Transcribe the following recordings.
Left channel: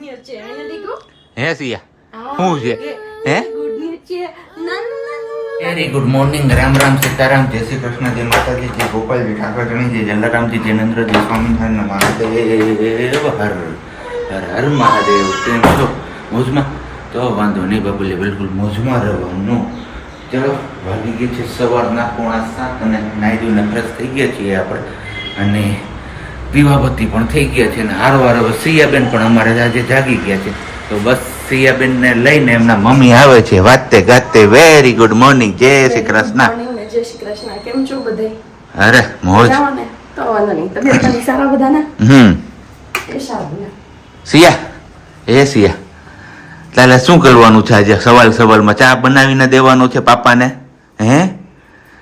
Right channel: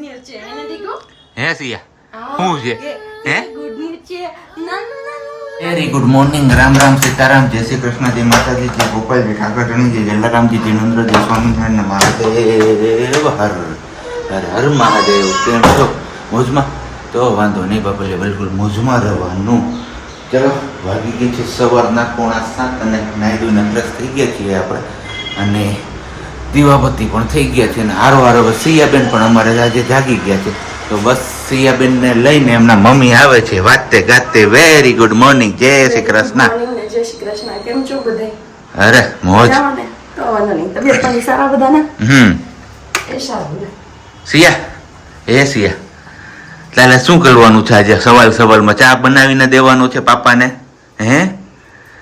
News છે એને દીકુ હે સિયા શું છે હે ગુડ ન્યૂઝ છે very good morning. Ram Ram Sitaram, જય શ્રી કૃષ્ણ, જય માતાજી, જય ગોપાલજી ઠાકરણી, જય જલારામજી, જય નંદ્રજી, સ્વામિનારાયણ મહાદેવ, હર હર હર મહાદેવ. કેમ છો? મોજમાં? તો વાંધો નહીં બાપુજી, બિલકુલ મોજમાં રહેવાનું. ચલો, વાગી ગઈ છે સવારના 6:45 અને નાઈ ધોઈને ફ્રેશ થઈ ગયા છીએ આપણે, અને દીવાબત્તી પણ થઈ ગયા છે, અને હારો હારો હવે સિયાબેન પણ અમારે આજે જાગી ગયા છે. તો બસ સિયાબેનને લઈને એમના મમ્મી આવે છે વાતે ગાતે. વેરી ગુડ મોર્નિંગ, જય શ્રી કૃષ્ણ. જય શ્રી કૃષ્ણ. કેમ છો બધાય? અરે મોજ. તો વાંધો નહીં, તબિયત પાણી સારા બધાના? એ સારું. સિયા, એ સિયા, તાલે શું કરવાનું છે આજે? સવાલમાં ચા બનાવીને દેવાનો છે પાપાને? હે,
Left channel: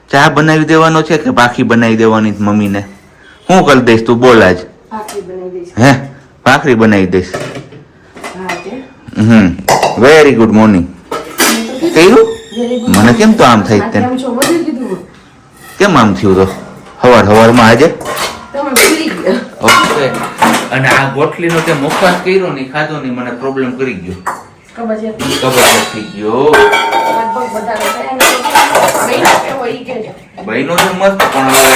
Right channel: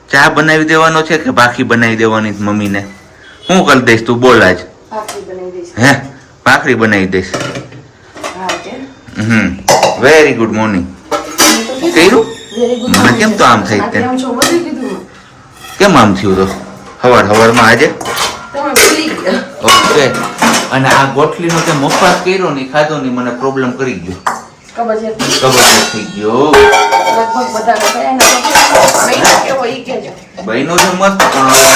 ચા બનાવી દેવાનો છે કે ભાખરી બનાવી દેવાની મમ્મીને? શું કરી દઈશ તું? બોલ આજ. ભાખરી બનાવી દઈશ. હે, ભાખરી બનાવી દઈશ. Very good morning. થયું? મને કેમ તો આમ થઈ? કેમ છો? બધું કીધું. કેમ આમ થયું? હવારમાં આજે? તમે ભૂલી ગયા. ઓકે. અને આ ગોઠલીનો કે મુખવાસ કર્યો નહીં, ખાધો નહીં, મને પ્રોબ્લેમ કરી ગયો. કબજિયાત થઈ ગયો. ભાઈનો તો મસ્ત, પણ હવે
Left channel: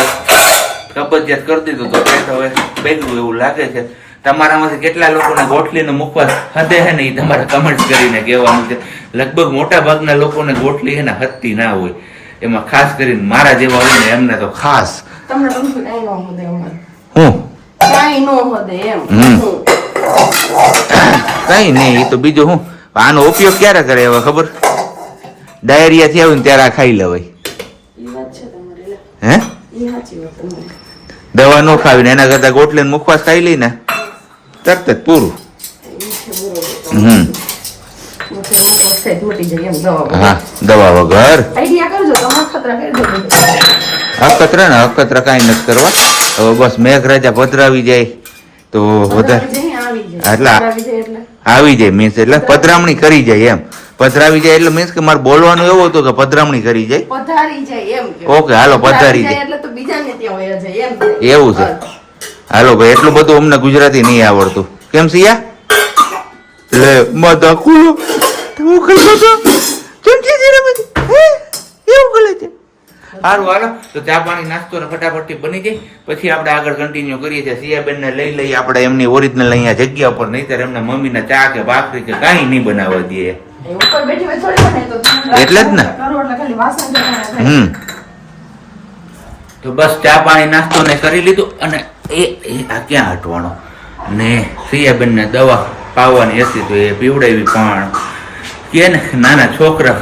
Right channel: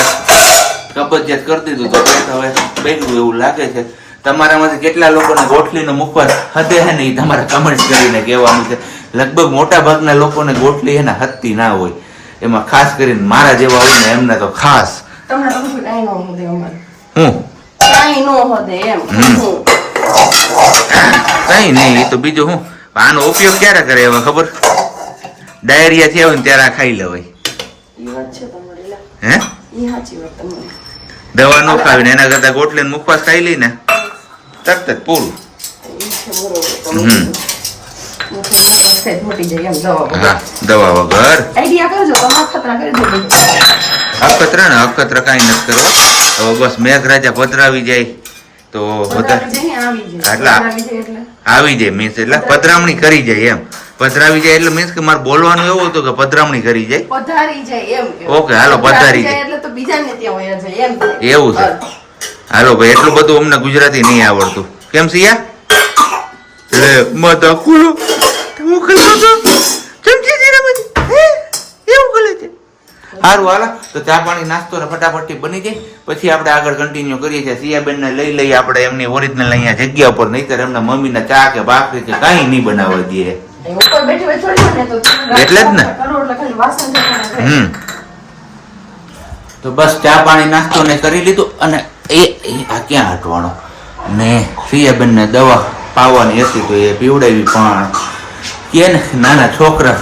કબજિયાત કરી દીધું તો પેટ હવે બેઠું એવું લાગે છે. તમારામાંથી કેટલા લોકોને ગોઠલીનો મુખવાસ હદે છે ને એ તમારે કમેન્ટ્સ કરીને કહેવાનું છે. લગભગ મોટા ભાગના લોકોને ગોઠલી છે ને હદતી ના હોય, એમાં ખાસ કરીને મારા જેવા હોય ને એમને તો ખાસ. તમને પૂછું કાંઈ ન હોદે અમારે. હું કાંઈ ન હોદે એમ. કઈ નહીં, એ તો બીજું હું. આનો ઉપયોગ ક્યારે કરે હવે ખબર? ડાયરિયા થી આવે ને ત્યારે આ ખાઈ લેવાય. એ વાત છે તમારી. હે, એ સાચી વાત તમારી. દવા ન ખાવીને એના કરતા ગોટલી મુખવાસ ખાઈ લઈ ને તરત જ પૂરું. હા, દવા વગર. આઈડિયા કરજો, તમારા ખતરા કરી દો. અખતરા ને અખતરા કઈ નથી કરવા. હવે બસ મેઘરાજા પધરાવી જાય તો આવી જાય મીન્સ એટલે પધરામણી કરી જાય એમ. પધરાવી જાય એટલે મીન્સ કે મારે બોલવાનું એવું હતું કે પધરામણી કરી જાય. પધારી જાય એમ. ઓકે, હાલો પધારી જાય એટલે તો બીજાને ત્યાં વયા જાય એમ. એવું છે. હાલો ભાઈ, એટલું બધું અમને ગુજરાતી નહીં આવડતું. કેમ સિયા? લે માતા ખુલો હું કરતો તો ચમચી રમે હે એવું કરે છે. સારું હાલો, તો ચા પાણી નાસ્તો ને ફટાફટથી બની જાય, પછી આપણે આગળ કન્ટિન્યુ કરીએ છીએ. સિયાબેન ને લઈ લઈ આપણે એમની ઓરિજિનલ અહીંયા જગ્યા ઉપર, નહીતર એમના મમ્મીને ચા કે ભાખરી કે કાંઈ નહીં બનાવવા દઈએ. એટલે જ ને. તો બસ ચા પાણી નાસ્તો ને કરી લીધું, અને આ ક્યાં હટવાનો ને સિયાબેન ને દવા પાવાની હતી તો એ પીવડાવી. પણ કે ને નાના છોકરા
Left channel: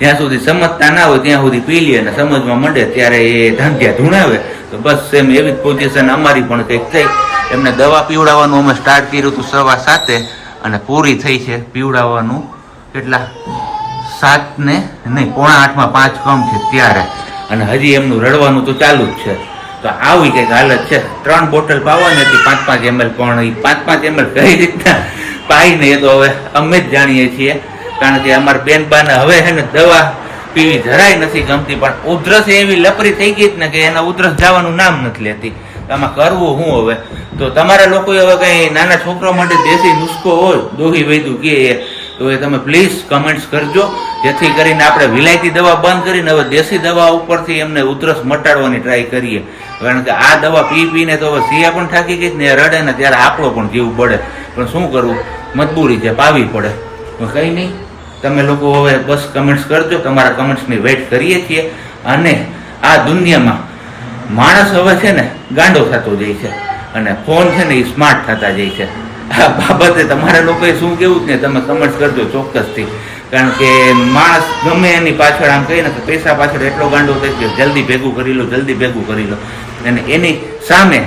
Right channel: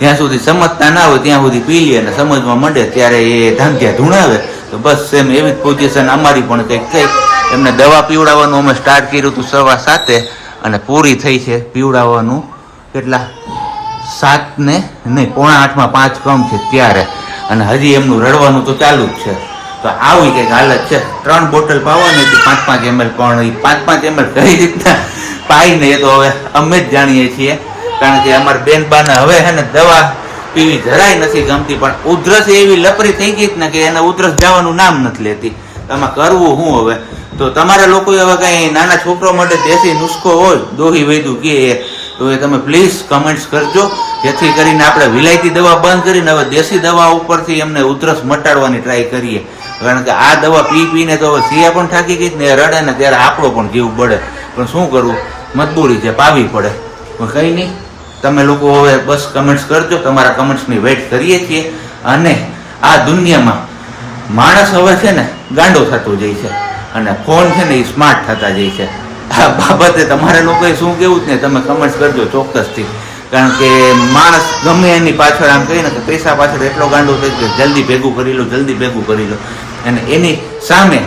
જ્યાં સુધી સમજતા ના હોય ત્યાં સુધી પી લે, અને સમજમાં મંડે ત્યારે એ ધાંધ્યા ધૂણાવે. તો બસ સેમ એવી જ પોઝિશન અમારી પણ કંઈક થઈ. એમને દવા પીવડાવવાનું અમે સ્ટાર્ટ કર્યું હતું 7:15 અને પૂરી થઈ છે પીવડાવવાનું કેટલા 7 ને નહીં 7:45 5 કમ છે ત્યારે, અને હજી એમનું રડવાનું તો ચાલુ જ છે. તો આવી કંઈક હાલત છે. 3 બોટલ પાવાની હતી 5-5 ml, પણ એ 5-5 ml કઈ રીતના પાઈ ને એ તો હવે અમે જ જાણીએ છીએ, કારણ કે અમારા બેનબાને હવે છે ને દવા પીવી જરાય નથી ગમતી. પણ ઉધરસ એવી લપરી થઈ ગઈ ને કે એને ઉધરસ જવાનું નામ નથી લેતી. તમે કરવું શું હવે? તો તમારા લોકો હવે કઈ નાના છોકરા માટે દેશી નુસ્ખો હોય, દોહી વૈદું કે તો એ તમે પ્લીઝ કમેન્ટ્સ કરજો, જેથી કરીને આપણે વિલાયતી દવા બંધ કરીને હવે દેશી દવા ઉપરથી એમને ઉધરસ મટાડવાની ટ્રાય કરીએ. કારણ કે આ દવા પી પીને તો હવે સિયા પણ થાકી ગઈ ને રડે ને ત્યારે આપણો પણ જીવ બળે. પણ શું કરવું, મજબૂરી છે, પાવી પડે. પણ કંઈ નહીં, તમે લોકો હવે બસ કમેન્ટ્સ કરજો, તમારા કમેન્ટ્સની વેઇટ કરીએ છીએ. અને આ દુનિયામાં માણસ હવે છે ને ગાંડો થતો જાય છે, અને ફોન છે ને એ સ્માર્ટ થતા જાય છે. આ બાબતે તમારા લોકોએ શું કેવું જ ને તમે કમેન્ટ્સ કરજો ચોક્કસથી. કારણ કે માણસ ગમે એની પાછળ આમ કહીએ ને તો પૈસા પાછળ એટલો ગાંડો થઈ ગયો, જલ્દી ભેગું કરી લો, જલ્દી ભેગું કરી લો. અને એની સામે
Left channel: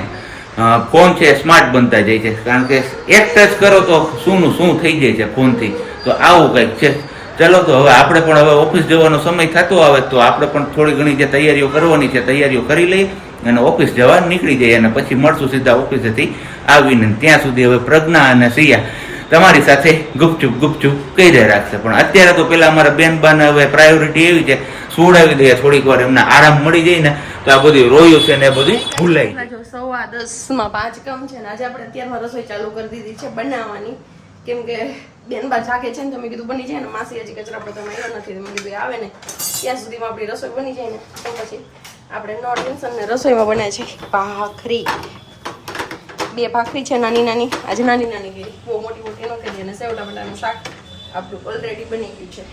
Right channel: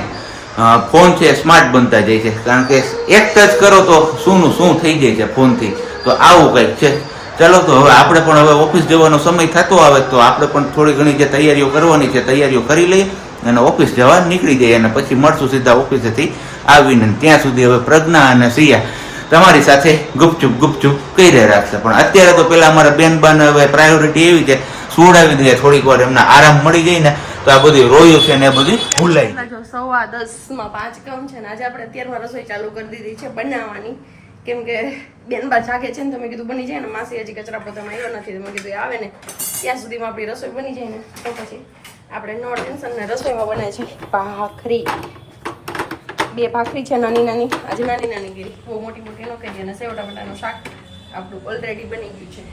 ફોન છે સ્માર્ટ બનતા જાય છે. કારણ કે એક ટચ કરો તો શું થઈ જાય છે ફોનથી. તો આવું કંઈક છે. ચલો, તો હવે આપણે પણ હવે ઓફિસ જવાનો સમય થતો આવે તો આપણે પણ થોડી ઘણી જે તૈયારીઓ કરવાની છે તૈયારીઓ કરી લઈએ અને ઓફિસ જવા નીકળી જઈએ, અને પછી મળશું સીધા ઓફિસેથી આવીને. ત્યાં સુધી હવે પ્રજ્ઞા અને સિયા તમારી સાથે ગુપચુપ કહી રાખશે. પણ અત્યારે તો પેલા અમારા બેનબાને હવે પ્રાયોરિટી એવી છે, સુવડાવી દઈએ થોડીક વાર, એમને આરામ મળી જાય ને તો આ બધું રોયું છે ને એ બધું ભૂલાઈ. 10:15 5 કમ છે ને આજે આપણે અત્યારમાં રસોઈ ચાલુ કરી દીધી છે બનાવવાની, કેમ કે બેનબા જાગે છે ને તો મેં કીધું બની જાય ને, માસી હજી કચરા પોતામાં આવ્યો નથી તો મેં કીધું એ આવે ને ત્યાં સુધીમાં આપણી રસોઈ બની જાય ને તો પછી આપણે નો ટેન્શન ને રસોઈમાં બનાવે છે ભાખરી. 2 ભાખરી છે નાની નાની, આજે નાની નાની કરી, બહુ મોટી મોટી ન કરી. અને સેવ ટમેટાનું શાક આપણું ઓલરેડી બની ગયું છે.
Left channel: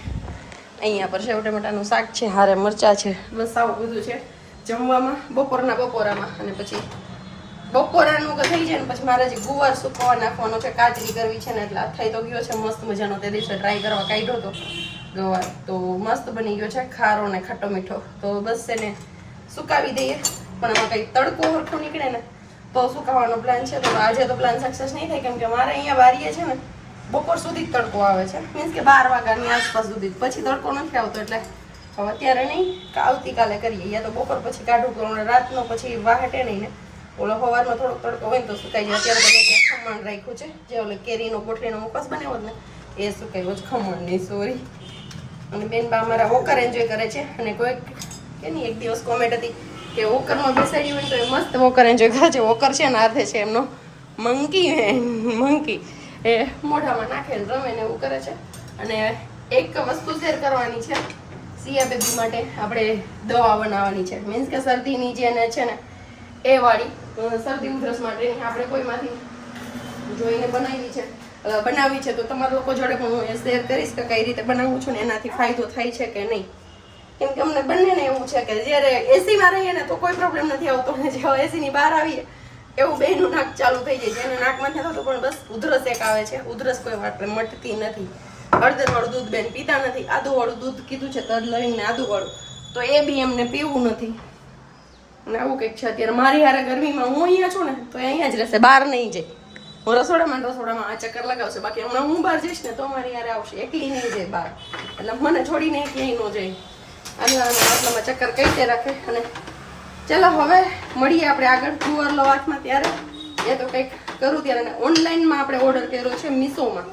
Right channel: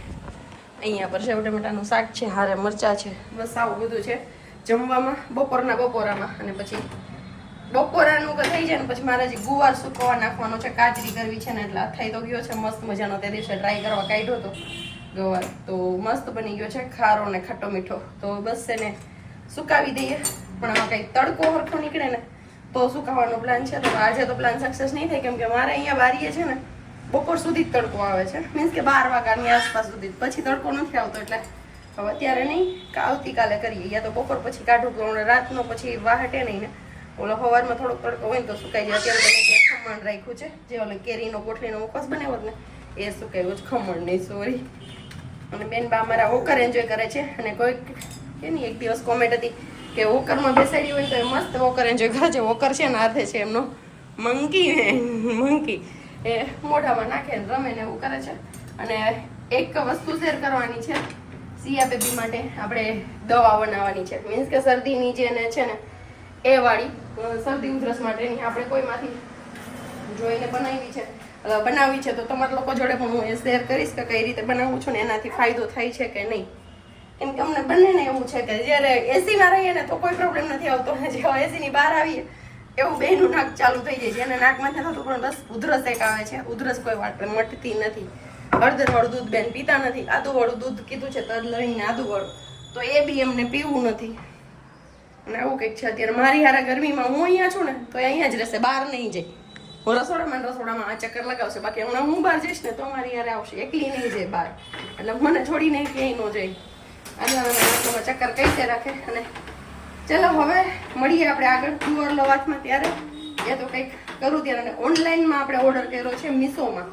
અહીંયા પર સેવ ટમેટાનું શાક છે, હારે મરચાં છે, બસ આવું બધું છે જમવામાં બપોરામાં. અને પછી બપોરાનું થઈ જાય ને પછી મારે જે ગુવાર સુકવવા નાખવાનો છે, કાચરી કરવી છે ને એટલે આ થઈ તો ગયો છે મસ્ત મજાનો. તે દિવસે ટ્રાય કરવા કાઢ્યો હતો ગવાર, તો મસ્ત બની ગયો છે, ખારો ને ખાટો મીઠો. તો બસ એને સુકાવી દઈએ, પણ એમાં કંઈ તડકો હરખો નીકળે ને તો સુકાવવાનો પ્લાન છે. તો આજે તો પ્લાન સક્સેસ નહીં થાય, કેમ કે મારે અહીંયા બારીએ છે ને બપોર સુધી જ તડકો આવે છે, મીન્સ કે 12 વાગ્યાની આસપાસ સુધી, પછી તડકો નથી આવતો. એટલે હવે અત્યારે નહીં, આવતીકાલે કરીએ, યા તો બપોર પછી કાઢું તો રાતનો પછી વાહટે નહીં ને ઓલો સવારમાં થોડોક તડકો હોય તો સુકાઈ જાય. અત્યારે તમે ત્યાં ખમણ રાખ્યું છે, જે ઓલે કેરીનો ગોઠલીનો મુખવાસ બનાવ્યો ને એ સુકાવ્યો છે, ખમણ નહીં, સોરી. અને બેનબા અમારા વોકર એન્જોય કરે છે. અને કોઈક એની એક દિવસ કોમેન્ટ હતી કે વોકરમાં બેસાડી હોય તો એ મસ્ત વોકર એન્જોય કરે છે. વોકર છે ને હાથે છે એમનો મંકી, એ મોઢામાં નાખે ને રમે ને એવું કરે છે. અને એક વસ્તુ શેર કરવાની છે, સિયા બેબી માટે આપણે દવા બનાવવાની છે, મીન્સ કે શરદીની જે ને છે ને એ વાળી શરદી ઉધરસ માટેની આપણે કોઈમાંથી જોઈને બનાવી છે. તો તમારા લોકો જોડે પણ હું એ શેર કરીશ કે કઈ રીતે બનાવું છું ને એનાથી ફાયદો થાય છે કે નહીં. કેમ કે અમને બંનેને એવું છે કે જ્યારે એસીમાં રહીએ ને તો કોઈ પ્રોબ્લેમ નથી આવતો, ને જેવા એસીની બહાર આવીએ એવું બેનું નાક ચાલુ થઈ જાય. જેને નાકમાં નથી થતું પણ બસ ઉધરસ એક આવે છે. ઉધરસ કોઈ વાત મટતી નથી. હળદરવાળું દૂધ બેન પીતા નથી, આદુવાળું દૂધ કીધું છે, તજ લવિંગ ને આદુવાળું, તો એ બી એમને પીવું નથી. અને આવું કંઈક છે. અત્યારે મારી હારે ગરમીમાં હું અહીંયા છું ને તો એ અહીંયા જ રહેશે, બહાર નહીં જાય. હું રસોડામાં આ ચક્કર લગાવશે, બાકી હમણાં હું બહાર જઈશ ને તો મારી હારે આવશે, એકલી નહીં જાય બહાર. એટલે મને છોડીને ક્યાંય ન જાય, આટલામાં ચક્કર કઈ રાખે. અને ચલો હવે મળીએ આપણે આગળ ગુવાર લો વાતમાં. ત્યારે એ તો કંઈક કરું ત્યારે ઓનલાઈનમાં આપણે ઓર્ડર કર્યો છે મીશોમાં.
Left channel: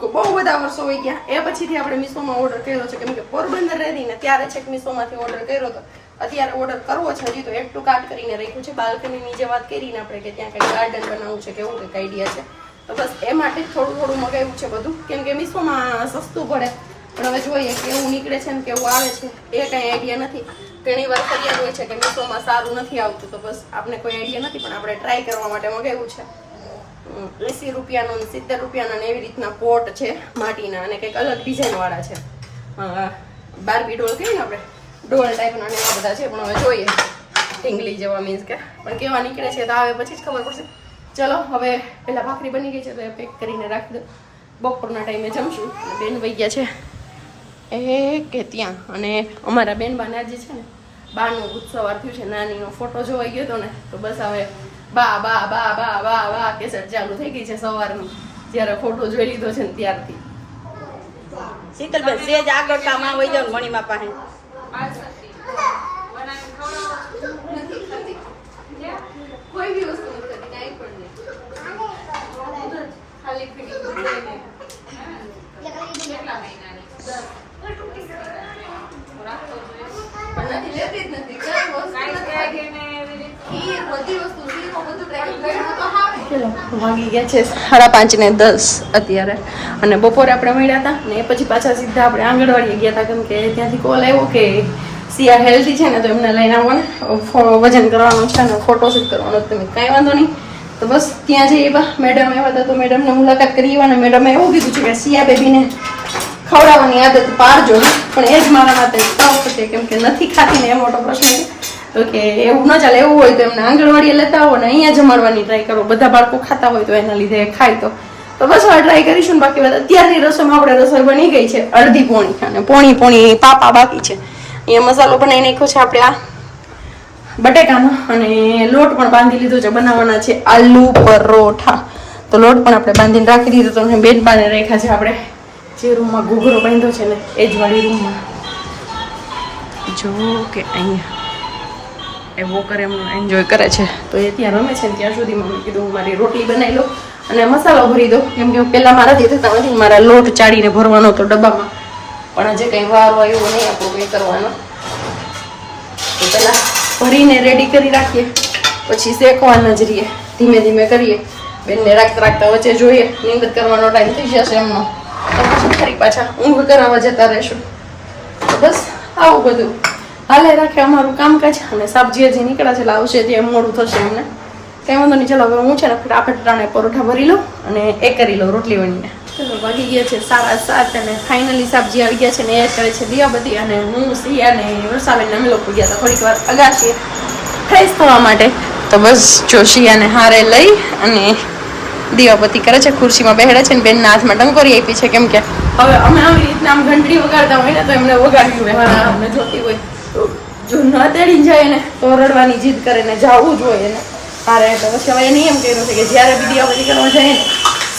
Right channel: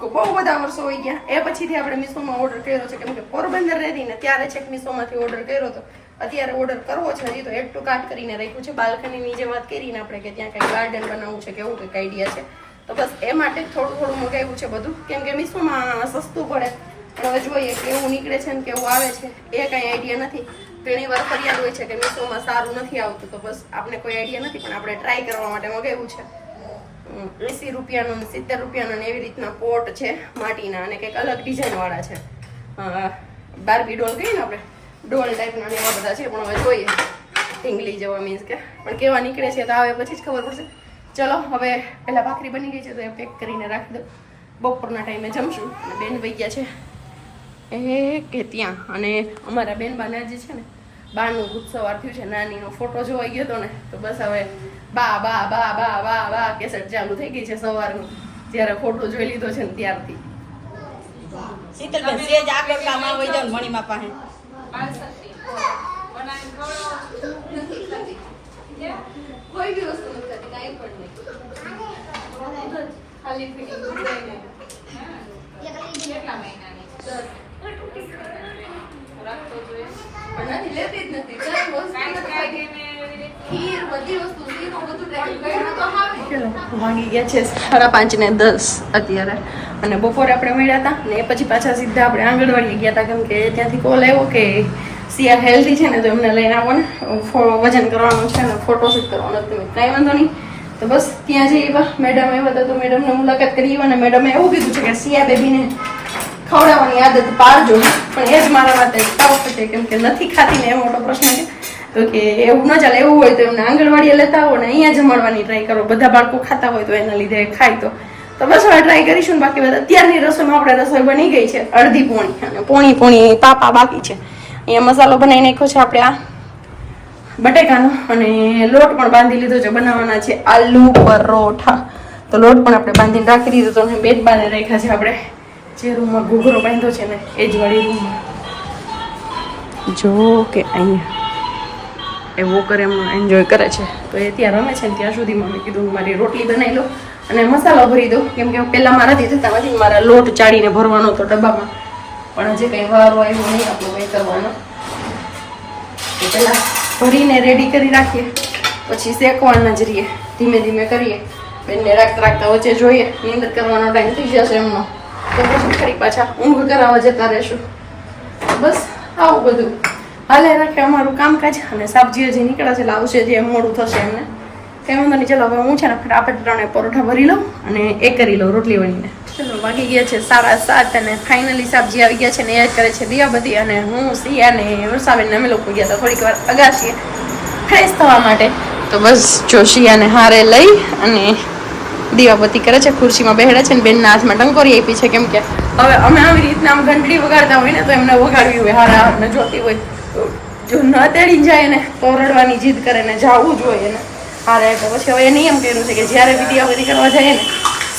બહુ બધા વર્ષો હોય ગયા એ પછીથી આપણે મીશોમાં ઓર્ડર કર્યો છે, કેમ કે પોરબંદર રહેતી ને ત્યારે છેક મીશોમાંથી ઓર્ડર કર્યો હતો. અત્યારે ઓર્ડર કરવો છે, હજી તો એડ ટુ કાર્ટ કરીને રાખ્યું છે. બાલ્કનીની જે વાત કરીને આપણે કે ત્યાં કંઈક ગાર્ડન બનાવવું છે કે એવું કંઈક આઈડિયા છે, તો બસ એ માટે થોડું મગાવ્યું છે બધું, કેમ કે મીશોમાં સસ્તું પડે. પણ હવે જોઈએ કેવું નીકળે છે ને કેવું આવે છે એ કંઈ આઈડિયા નથી. ઘણી વાર ફરિયાદ હોય છે કે મીશોમાં સારું નથી આવતું, તો બસ આપણે કોઈ આઈડિયા નથી, પણ આપણે ટ્રાય કરવા માટે મગાવ્યું છે. 80 રૂપિયાનો 70 રૂપિયાનો એવી રીતના પોટ છે માટીના, અને કંઈક અલગ ડિઝાઇન વાળા છે. બાર્બી ડોલ કહીએ ને આપણે, ડોલ ટાઈપના ને એવા બધા છે. પણ હવે જોઈએ ઢીંગલી જેવા, મીન્સ કે પણ કેવા નીકળે છે તો આવે પછી જ ખબર પડશે. ચલો હવે પહેલાં ભાખરી બની ગઈ છે તો એ પેક કરીને રાખી દો, બપોરના ટાઈમે જમશું. અને બેન વહી ગયા છે એ કે ત્યાં. અને અમારા બેનબાને આજે છે ને બાનું ભૂત સવાર થયું છે, નાનીનો ફોટો જોવાઈ ગયો હતો ને તો બસ હવે બા બા બા બા બા બા કેસેટ ચાલુ થઈ ગઈ છે સવારની, જ્યારે ફોટો જોઈ લીધો છે ને ત્યારથી. શીતલબેન સેજ આગળ કામમાં હોય જાવ મણીમાં પાસે કોઈ બી વસ્તુ નથી કાંઈ પણ નહીં, ખાલી ફિટિંગ કેટલા મહિનાની નથી લેતી જ નથી. વાગી ગયા છે 5:30 ને 10 અત્યારે. અને બપોરે આપણે મળ્યા હતા ને પછી પાછા સીધા આપણે આંગણવાડી ગયા હતા, કેમ કે ત્યાંથી કોલ આવ્યો કે સિયા હેલ્ધી છે ને તો એમને લઈને આવો ને, વજન કરવાનું છે ને ફોટોશૂટ કરવાનો. તમે કાંઈ વાંધો નહીં, તો બસ ત્યાં જઈએ. મેડમ આવ્યા હતા તો મેડમને મુલાકાત કરી. અને મેડમે એવું કીધું છે કે સિયા બેબીને ખવડાવવાની આદત પાડજો, પણ એ જ મારા માટે ટફ છે, કેમ કે નથી ખાતી ને એ મોટો પ્રશ્ન છે. તો કે એવું ન ચાલે, એવું હોય તો એમને આંગણવાડીએ લેતા આવો ને અહીંયા જમાડવાની ટ્રાય કરો. બધા બાળકો ખાતા હોય તો એના લીધે ખાય તો બસ હવે ટ્રાય કરીશું ને. બાકી અત્યારની રસોઈમાં આપણે રસોઈ બની ગઈ છે અડધી પોણી, અને પોણી પાપા બાકી છે. અહીંયા મસાલો બનાવી નાખ્યો છે આપણે આ બટેકાનો, અને લોટ પણ બાંધી લીધો છે. બનાવવાના છે આલુ પરોઠા, તો લોટ પણ આપણે બાંધીને રાખી દીધો. તો બેડ બાંધે રાખ્યા છે આપણે જે રૂમમાં ઘૂઘરો બાંધ્યો છે ને એ જ વાળી રૂમમાં. જો કે અહીંયા એ વોકર એમનો એન્જોય કરે છે, તો એ ત્યાં રમે છે ને ત્યાં સુધીમાં મેં કીધું મારી રોટલી બનાવી લો અને મસાલો ભરી દો, કેમ કે પહેલાં મારાથી થતા નથી. મારા લોટ ચાળીને ભરવાનો હતો ડબ્બામાં, પણ હજી કંઈ વાર હોય એવું નહીં આપણો કંઈ કરવાનો. તો પહેલાં ભરીને રેડી કરી રાખીએ, પછી શેકવાના જ રહીએ, ધીમે ધીમે કરીએ. બેનને રાખતા રાખતા વચ્ચે જોઈએ નીંદ કરવાનો ટાઈમ થઈ જશે એમનો તો પછી ફરી પાછા ઊંઘ કરાવવા જતા રહેશું. તો બસ આવું બધું હાલે રાખે અમારું કામકાજ. અને સબ્જી હજી નીકળે છે એટલે આવશે જે મોડું થશે એમને કંઈ વાંધો નહીં. ચલો હવે હું છે ને આપણે પરોઠા ભરી લઉં અને એ કરી લઉં રોટલી વણીને. ચલો વાગી ગયા છે 7:30 અને ફાઇનલી સબ્જી આવી ગયા છે ને એ કરે છે દિયાબતી અને હું સિયા ને વરસાવેને અમે લોકો ગયા હતા થોડીક વાર અગાશીએ ફ્રેશ થવા માટે. તો બસ જોશિયાને હારે લઈ અને દીવાબત્તી કરે છે, ખુરશીમાં બેહડે છે ને બેનના હાથમાં ટંકોરી આપી છે. કેમ કે હવે અમે આવી રીતના આમ ઘંટડી વગાડતા હોય ને તો એમને વગાડવી હોય, હારા આપણે જોતી હોય તો જો ન તેડી જાય ને તો રડવાની જીદ કરે ને જવું જ હોય એને હારે. એટલે પછી હવે એ નિયમ કર્યો છે કે જ્યારે બી દીવાબત્તી કરવા જાય ને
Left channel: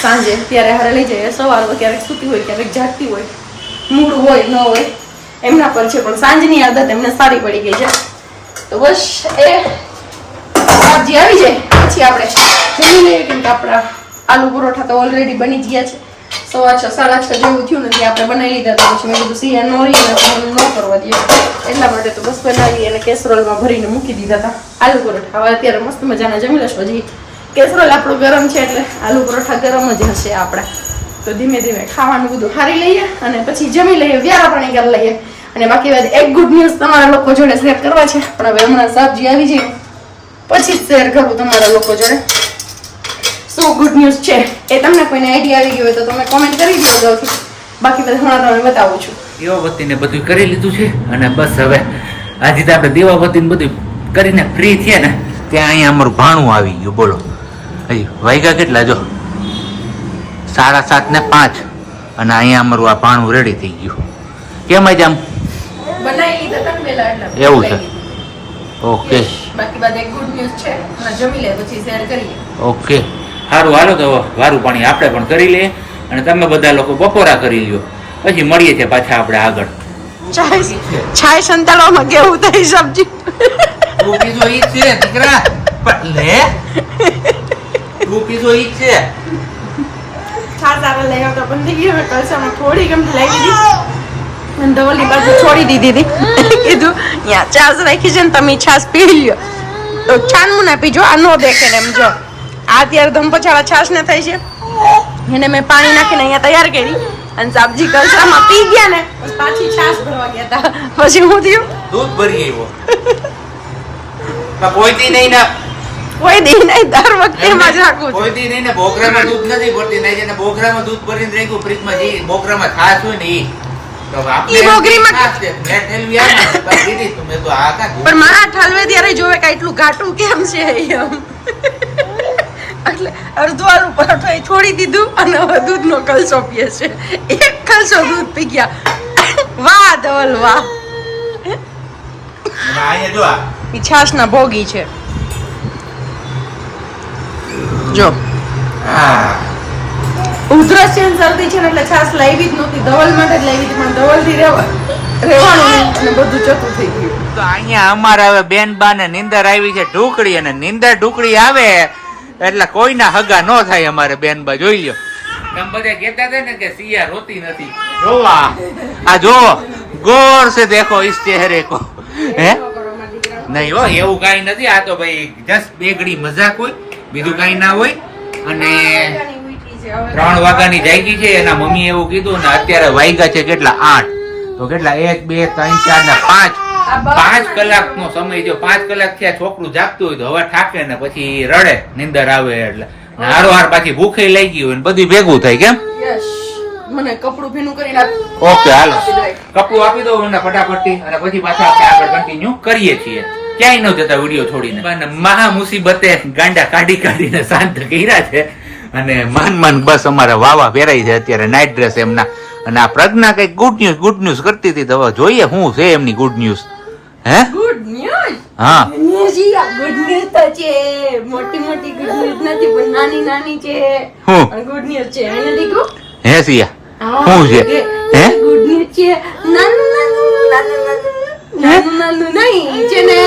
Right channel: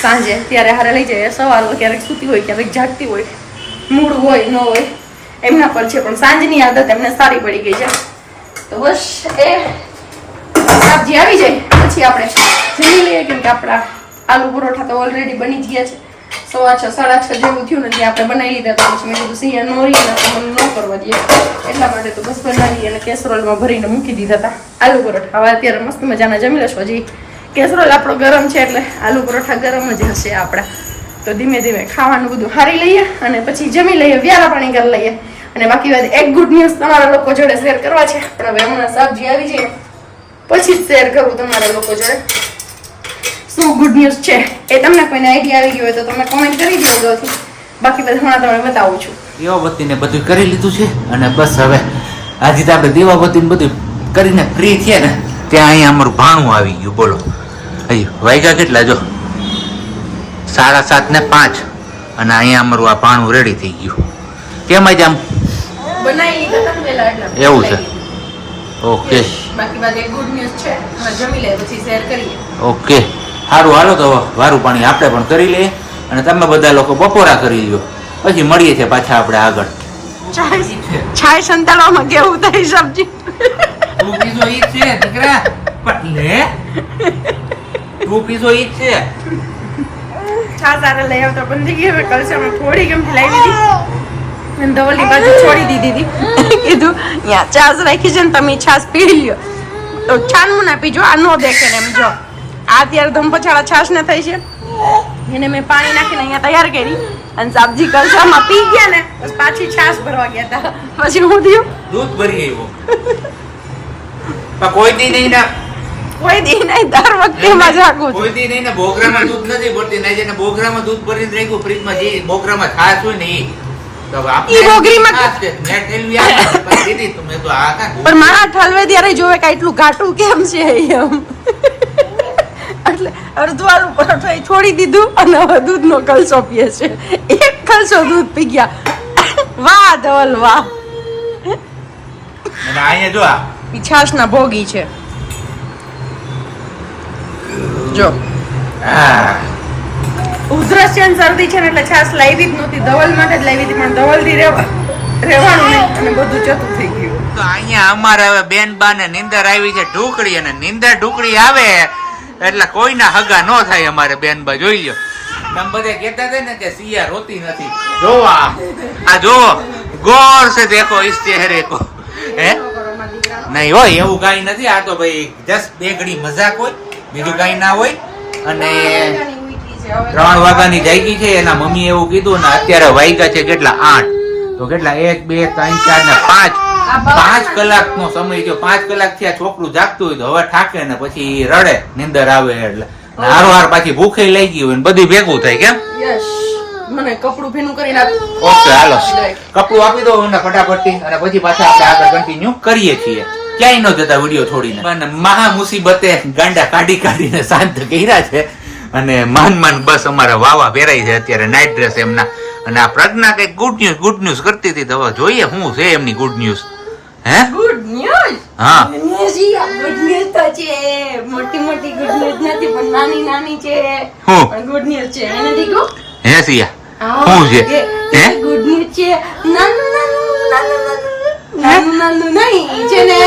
સાંજે ત્યારે હારે લઈ જાય. સવાર હોય ક્યારેક સૂતી હોય ક્યારેક જાગતી હોય, મૂડ હોય ન હોય એમના પર છે, પણ સાંજની આદત એમને સારી પડી ગઈ છે. તો બસ એ સબ્જી આવી જાય પછી આપણે જમી લઈએ. કેમ કે આપણા આલુ પરોઠા તો ઓલરેડી બની ગયા છે. 6:30 7:30 જેવું થયું ને ત્યાં આપણે બનાવી લીધા. તો પછી મેં કીધું સિયા નો રહી તો મને ન કરવા દઈએ એટલા માટે તો બસ બનાવી અને કેસરોલમાં ભરીને મૂકી દીધા હતા આલુ પરોઠા. હવે અત્યારે મસ્ત મજાના જમી લેશું. હજી કેસરોલ આપણો ગરમ છે એટલે આલુ પરોઠા ગરમ જ હશે આપણા. તો ધીમે ધીમે ખાવાનું બધું હારી લઈએ અને પછી જમી લઈએ, વ્યારા પાણી કરી લઈએ. અને બાકી વાત એક ગુડ ન્યૂઝ તમારા લોકો જોડે શેર કરવા છે, પણ હવે હમણાં સબ્જી આવી જાય ને પછી જ શેર કરું તમારા લોકો જોડે. શું ગુડ ન્યૂઝ છે એ તમને કોઈને આઈડિયા આવી ગયો હોય તો તમે કોમેન્ટ કરી દો અગાઉથી. બાકી બધા હમણાં તમે બતાવું છું. દીવાબત્તીને બધું કરી લીધું છે અને બસ હવે આજે તો આપણે દીવાબત્તીને બધું કરીને ફ્રી છે ને ત્યાં અહીંયા અમારું ભાણું આવી ગયું. બોલો હજી વાગ્યા કેટલા જો 7:30 ને 5 અને અહીંયા અમારું આ ભાણું રેડી થઈ ગયું. કેમ આજે આમ બનાવી લીધા તમે પહેલા એટલે એવું છે? ઓકે બાકી બાદ એક ગુડ ન્યૂઝ છે, હમણાં જમી લે પછી શેર કરીએ. ઓકે સારું, હાલો તો વારું પાણી આપણે પણ કરી લઈએ અને તમે બધા લોકો બપોરા કરી લ્યો, પછી મળીએ છીએ પાછા આપણે આગળ. છાય સંતાડવામાં કેવું થઈ સબ્જી તું પીધો ઈ છે દીકરા, લે તું પીધો ઈ છે. છાસ સારા લઈ આવતા પણ થઈ ગયું. કલસામાં થોડી ગમતી લાવી દીધી અને ધવલની બાજુ છોડી દીધી હતી. કીધું ત્યાં છાસ રાખી છે ને તમે છાસ પી લ્યો. તો છાનવું ના પીજો, આ નો દેખે ને એમ. જો આ અત્યારે ધમપછાળા છાસ ને થઈ છે એને મેં પાણી નાખીને અહીંયા તૈયાર કરી અને સબ્જી કલસામાં પી ગયા ને પછી પાછી છાસ ભરવા ગયા હતા. પછી હું થયું દૂધ ભરી આવ્યો. કોઈ દી નહીં ને કોઈ દી નહીં, દર વખતે એમાં જ રાખું. કોઈ દી નહીં ને બોગરામાં દૂધ નથી ભરતી. નહીં જેને બોગરામાં દૂધ ભરીને રાખ્યું ફ્રીજમાં, જે બોગરામાં છાશ હોય ને ઈ તો આપણે ઈ બોગરીમાં છાશ છે. મેં ઠેલવી આપી પણ દીધી તો મેં તો આ કા પણ મારા ઠલવે ત્યારે જોવે કે એટલું ઘાટું કેમ છે એમ. એટલે અડધું આલુ પરોઠો એ છોડી દીધું અને હવે દૂધનો કલસો પીએ છે. એક કલસો દૂધ પી ગયા. વાહ ધવલ વાહ. અને આને જો આ ઈ છાશના ભોગી છે. જો ઉધરસ છે ને શરદી છે ને એટલે છાશ લાવી જ નહોતી. ધવલ માટે જ લાવી હતી પણ ધવલથી રહેવાનું નહીં અને બધું જતું થઈ ગયું. તો અહીંયા અમારે હવે બેન બા ને નીંદર આવી છે ઢુકડી, અને નીંદર ઢુકડી આવે એટલે કોઈના હગા ન થાય અમારે બેન બા. જોઈ લ્યો, તમે બધા કહેતા હતા ને કે સિયા રોતી નથી. જો આ જો ગોર સે દેખો ઇસ ચહેરે કો. નહીં હોય એવું કઈ નથી. આ તો ભાઈ જસ્ટ બેગડી મજાક હોય, બીજું કઈ ના હોય. અને 3 વાગ્યાની જાગી છે. એના મમ્મી એવું કીધું ને અત્યારે વાગ્યા છે કેટલા 8 તો કેટલા 1 2 3 4 ને 5 કલાકનો સમય જો 5 કલાક થી આ છોકરું જાગતું હોય તો હવે થાકે ને પછી રડે નીંદર આવે એટલે હારો પાછી ભૂખે લઈ ગઈ હોય ને બધી ભેગું થાય. કેમ યસ મને કપડું ભીનું કરીને આપ. ઓકે હાલો કપડું આપી દો મને ફટાફટથી અને પછી પાછા આપણે આગળ કન્ટિન્યુ કરીએ છીએ. ક્યાંય ન જતા વિડીયો છોડીને. પણ મહા મુસીબતે ગાંડા કાઢીને શાંત કર્યા છે અને માન બસ અમારા વાવા પહેરાય છે અત્યારે નાઇટ ડ્રેસ એમના. અને આ પ્રજ્ઞા કઈ ગુડ ન્યૂઝ કરતી હતી તો હવે જોઈએ શું છે એમની ગુડ ન્યૂઝ. હે ગુડ ન્યૂઝ? હા ગુડ ન્યૂઝ તો છે. મોટી મોટી ગુડ ન્યૂઝ નથી પણ નાની નાની છે. હું ગુડ ન્યૂઝ છે એને દીકુ. હે સિયા શું છે? હે ગુડ ન્યૂઝ છે. નાનું નહીં છે ને.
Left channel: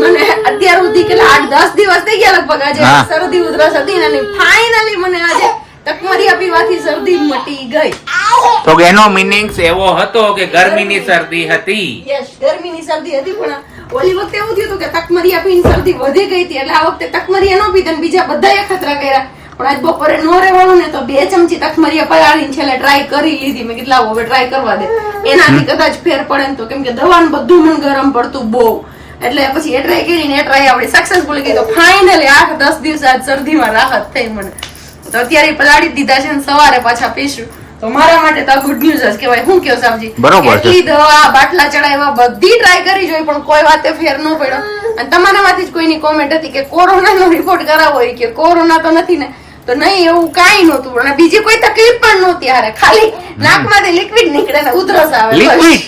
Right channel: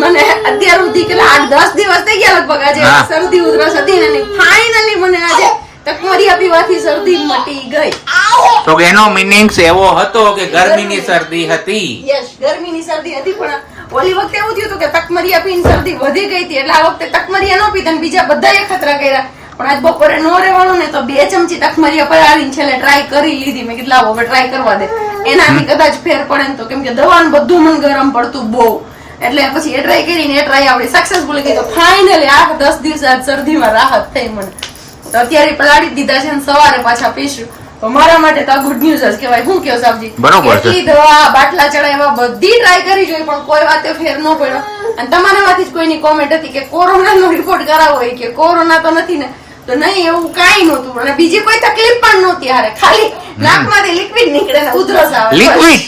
મને અત્યાર સુધી કેટલા 8-10 દિવસ થઈ ગયા લગભગ. આજે શરદી ઉધરસ હતી ને ફાઇનલી મને આજે તકમરિયા પીવાથી શરદી મટી ગઈ. તો એનો મીનિંગ એવો હતો કે ગરમીની શરદી હતી. યસ ગરમીની શરદી હતી પણ ઓલી વખતે એવું થયું હતું કે તકમરિયા પીને શરદી વધી ગઈ હતી એટલે આ વખતે તકમરિયા ન પીતા ને બીજા બધાએ ખતરા કર્યા પણ આજ બપોરે નો રહેવાનું ને તો 2 ચમચી તખમરીયા પલાળીને છેલ્લે ટ્રાય કરી લીધી. મેં કીધું લાવો હવે ટ્રાય કરવા દે, એનાથી કદાચ ફેર પડે ને તો, કેમ કે દવાનું બધું મને ગરમ પડતું બહુ, એટલે પછી એ ટ્રાય કરીને એ ટ્રાય આપડી સક્સેસફુલ ગઈ. તો ફાઇનલી 8-10 દિવસ આજ શરદીમાં રાહત થઈ મને. તો અત્યારે પલાળી દીધા છે ને સવારે પાછા પીશું. તો મારા માટે તો ગુડ ન્યૂઝ જ કહેવાય. શું કેવું સાબજી? બરોબર છે. એટલી દવા બાટલા ચડાવ્યા બધી ટ્રાય કરી જોઈ પણ કોઈ વાતે ફેર ન પડ્યો. અને તમારામાંથી જ કોઈની કોમેન્ટ હતી કે કોરોનાનો રિપોર્ટ કરાવો, કે કોરોના તો નથી ને, તો નહીં એવું કાંઈ નહોતું અને બીજી કોઈ તકલીફ પણ નહોતી. હારે ખાલી નાકમાંથી લિક્વિડ નીકળે ને ઉધરસ આવે. લિક્વિડ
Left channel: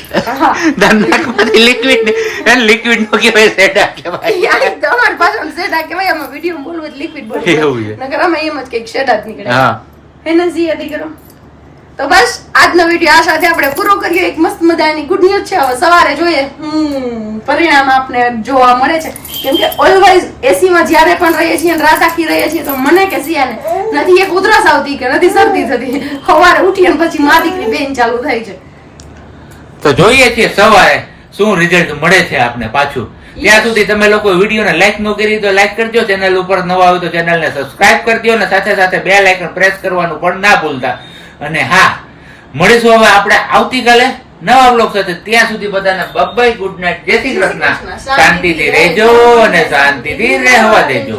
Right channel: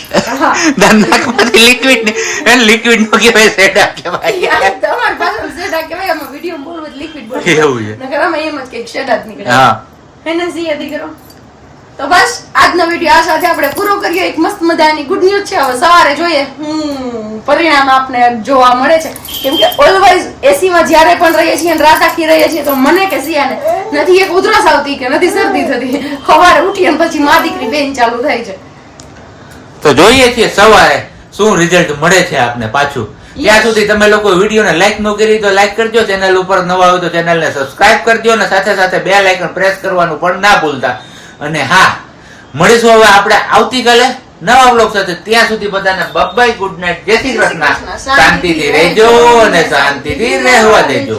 નાકમાંથી લિક્વિડ ને લિક્વિડ નો કહેવાય સેડા કહેવાય. તમારી પાસે શેડા કહેવાય, આમાં વિડીયો બોલવું જ લિક્વિડ બોલ. એવું છે. નકર અમે એમ જ કંઈક શેડા જ નીકળે. હા એને સિયા દીકરો. તો બસ આજનો વિડીયો આ સાથે આપણે પૂરો કરીએ. એક મસ્ત મજાની ગુડ ન્યૂઝ છે. હવે સવારે જોઈએ પરિણામ આપને જોવા મળે છે. કેમ કે ઓલવેઝ એસી માં જયારે પણ રહીએ છીએ અને રાત આખી રહીએ છીએ તો મને કે સિયાને નથી એક ઉધરસ આવતી કે નથી શરદી થતી. સવારે ઉઠી અને પછી મા દીકરી બેન ચાલુ થાય છે. તો જોઈએ છીએ સવારે શું રિઝલ્ટ મળે છે આપને પાછું. ત્યાં સુધી તમે લોકો વિડીયોને લાઈક ન કરી તો લાઈક કરજો, ચેનલ ઉપર નવા હોય તો ચેનલને સબસ્ક્રાઇબ કરજો અને સાથે સાથે બેલ આઇકન પ્રેસ કરવાનું પણ ના ભૂલતા. અને હા, મળીશું હવે આપણે આવતીકાલે નવા વ્લોગ સાથે. ત્યાં સુધી બધાને બાય, ગુડ નાઇટ, જય શ્રી કૃષ્ણ. શાંતિથી રહેજો અને શાંતિથી રહેવા દેજો.